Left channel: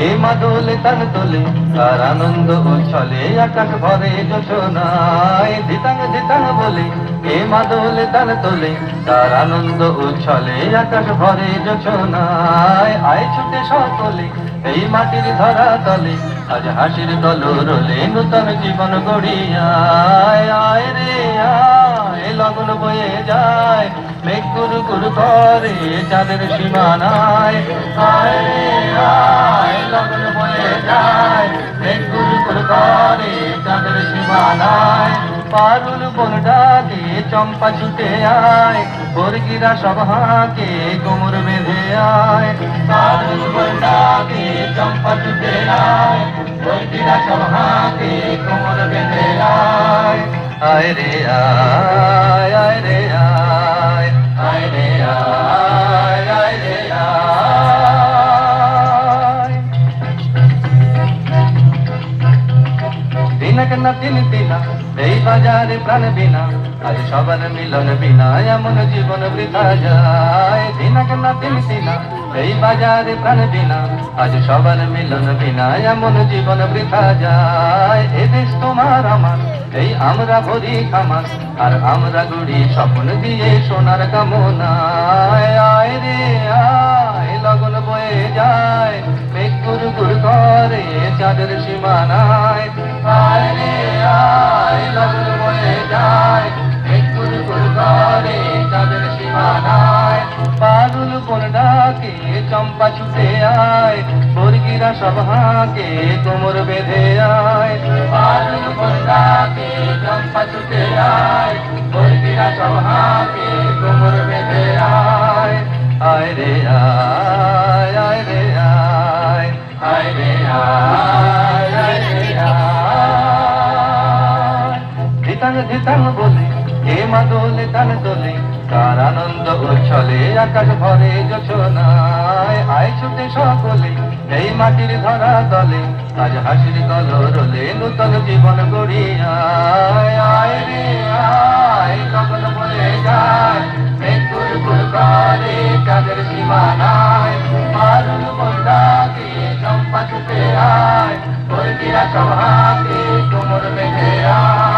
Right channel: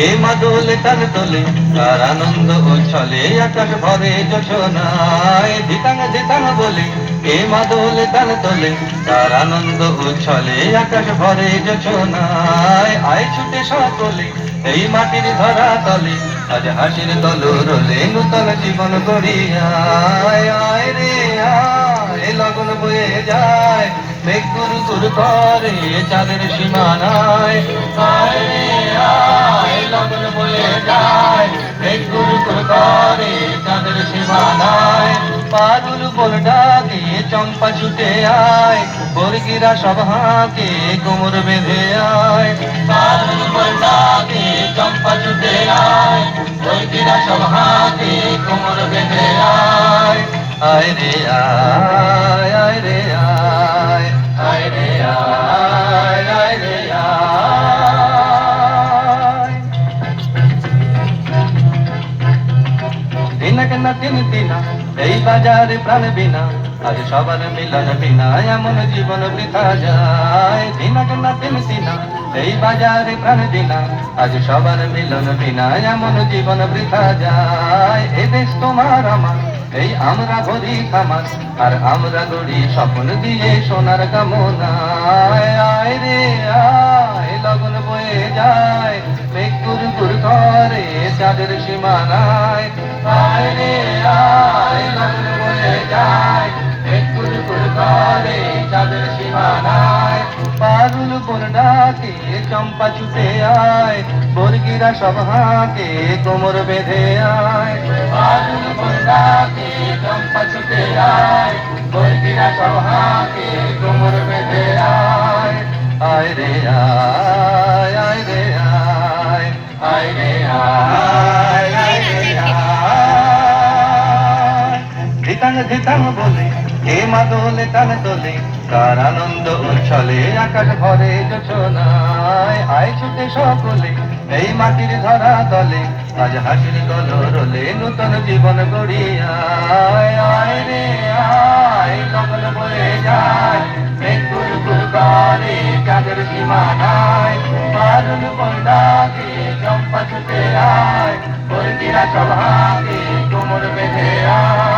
কে মাদলে তাল তোলে তার আনন্দ উচ্ছলে আকাশ ভরে যোছনায় ধিতাং ধিতাং বলে কে মাদলে তাল তোলে তার আনন্দ উচ্ছলে আকাশ ভরে যোছনায় আয় ছুটে সকলে এই মাটির ধরা তলে আজ হাসির দল রোলে নূতন জীবন গড়িয়ায় আয় রে আয় লগন বয়ে যায় মেঘ গুরু গুরু করে চাঁদের সীমানায় আয় রে আয় লগন বয়ে যায় মেঘ গুরু গুরু করে চাঁদের সীমানায় পারুল বল ডাকে চম্পা ছুটে আয় বর্গিরা সব হাঁকে কোমর বেঁধে আয় পারুল বল ডাকে চম্পা ছুটে আয় বর্গিরা সব হাঁকে কোমর বেঁধে আয় আয় রে আয় আয় রে আয় আয় রে আয় আয় রে আয় দিনক না দিন দিনা এই বাজারে প্রাণ বিনা আজ সবার মিলন বিনা এমন জীবন বৃথা যায় দিনক না দিন দিনা এই বাজারে প্রাণ বিনা আজ সবার মিলন বিনা এমন জীবন বৃথা যায় এ দেশ তোমার আমার এই আমরা ভরি খামার আর আমরা গড়ি স্বপ্ন দিয়ে সোনার কামনায় আয় রে আয় লগন বয়ে যায় মেঘ গুর গুর করে চাঁদের সীমানায় আয় রে আয় লগন বয়ে যায় মেঘ গুর গুর করে চাঁদের সীমানায় পারুল কোন ডাকে চম্পা ছুটে আয় বর্গিরা সব হাঁকে কোমর বেঁধে আয় পারুল কোন ডাকে চম্পা ছুটে আয় বর্গিরা সব হাঁকে কোমর বেঁধে আয় আয় রে আয় আয় রে আয় আয় রে আয় আয় রে আয় ধিতাং ধিতাং বলে কে মাদলে তাল তোলে তার আনন্দ উচ্ছলে আকাশ ভরে যোছনায় আয় ছুটে সকলে এই মাটির ধরা দলে আজ হাসির কলরলে নূতন জীবন গড়িয়ায় আয় রে আয় লগন বয়ে যায় মেঘ গুর গুর করে চাঁদের সীমানায় পারুল বল ডাকে চম্পা ছুটে আয় বর্গিরা সব হাঁকে কোমর বেঁধে আয়